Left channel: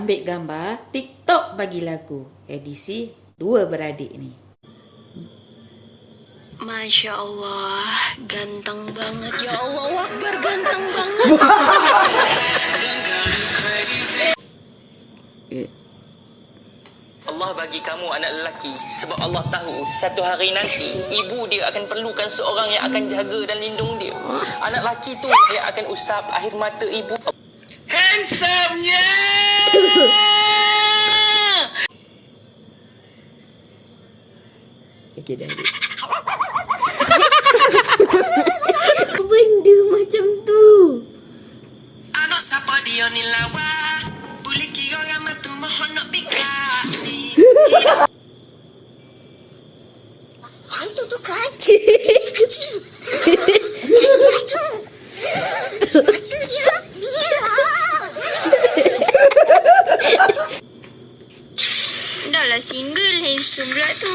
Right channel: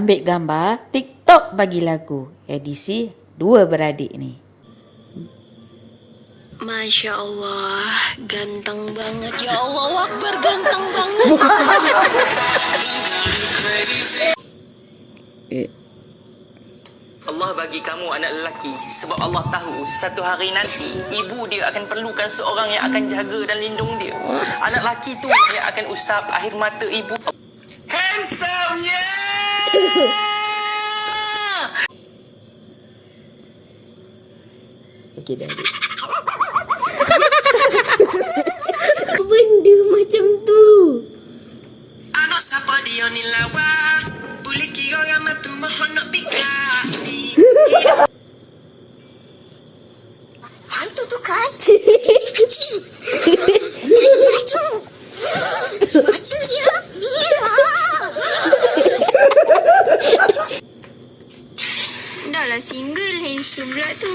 ambil gambar, TikTok bagi lagu. Edisi dua beradik ni. Masya Allah, ganteng banget. Ya Allah Akbar, ganteng banget. Allah bagi kamu anak lelaki sebab Allah tahu satu hari nanti ibu dia akan perlukan seorang yang akan jaga dan lindung dia. Anak lelaki tu yang akan usap air mata ibu. Handsome-nya! Okey dah. Benda macam tu. Anak siapa dia ni lawa? Boleh kira ramai tu mohon nak pikir ni. Hantu tu kan? Kecil. Hantu. Mata dia merah. Dah lah single, handsome pula tu.